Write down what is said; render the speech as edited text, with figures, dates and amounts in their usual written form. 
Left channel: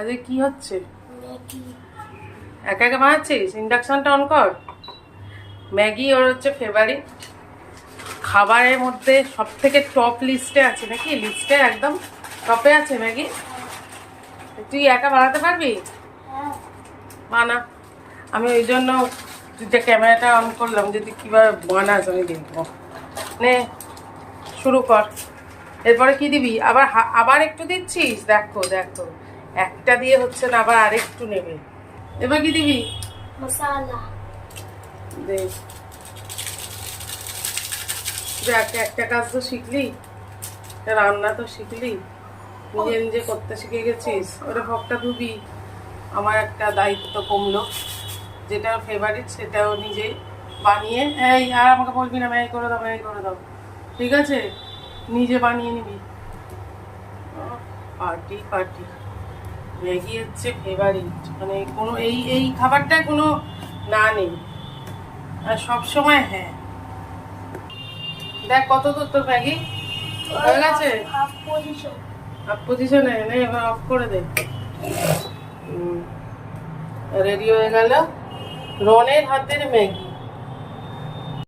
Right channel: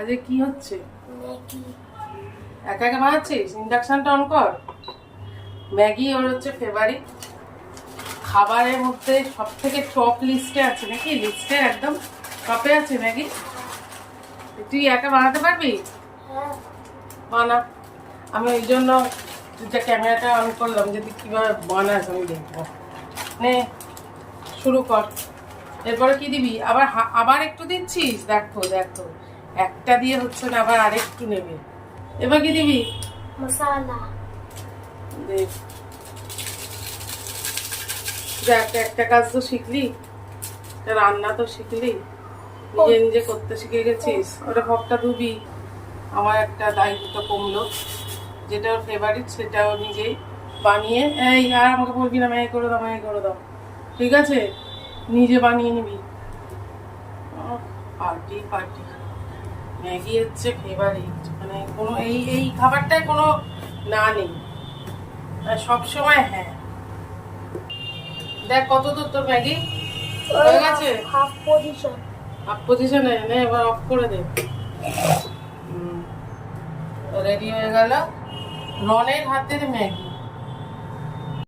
আজকে কি হচ্ছে? একা একা বানাচ্ছিস? ইন্ডাকশনটা অন কর। ম্যাগি ওর হচ্ছে ফেভারিট খাবারের মধ্যে, সব থেকে টপ লিস্টে আছে নাকি? লিস্টে একদম টপে আছে ম্যাগি। তুই একা বানাতে পারবি? বানা। আমি ওই জন্য ক্যামেরাটা অন করলাম, যদি কিভাবে বানাস আমি দেখবো। নে শুরু কর। এরপরে কি দিবি? আবার আবার একটু দিচ্ছিস? দেখো দেখো, একটা দিয়ে হচ্ছে না, আবার আরেকটু নেবে। এবার কি দিবি? মশলা দেখ, একটা কাজ তো শিখলি, রান্না তো শিখলি, নিজে নিজে করতে শিখে গেছিস। ওটা হকটা ধুবি। আমার একটা দায়িত্ব কমলো, যেটা ফেভারিট সেটাও নিজেই বানিয়ে। এই আর আমাকে বলবি না ম্যাগি করে দাও, ম্যাগি করে দাও, ঠিক আছে? নিজে বানিয়ে নিবি। Party party. ম্যাগি হচ্ছে ফেভারিট, মানে কোনো এই এই খাবারটায় কোনো না নেই, আর সবসময়। হ্যাঁ দেখ কত দূর তোর ম্যাগি হয়ে গেছে। Half position. হাফ পজিশনে নে, এবার অফ করে দে। রেডি হয়ে গেল রনের হাতের ম্যাগি।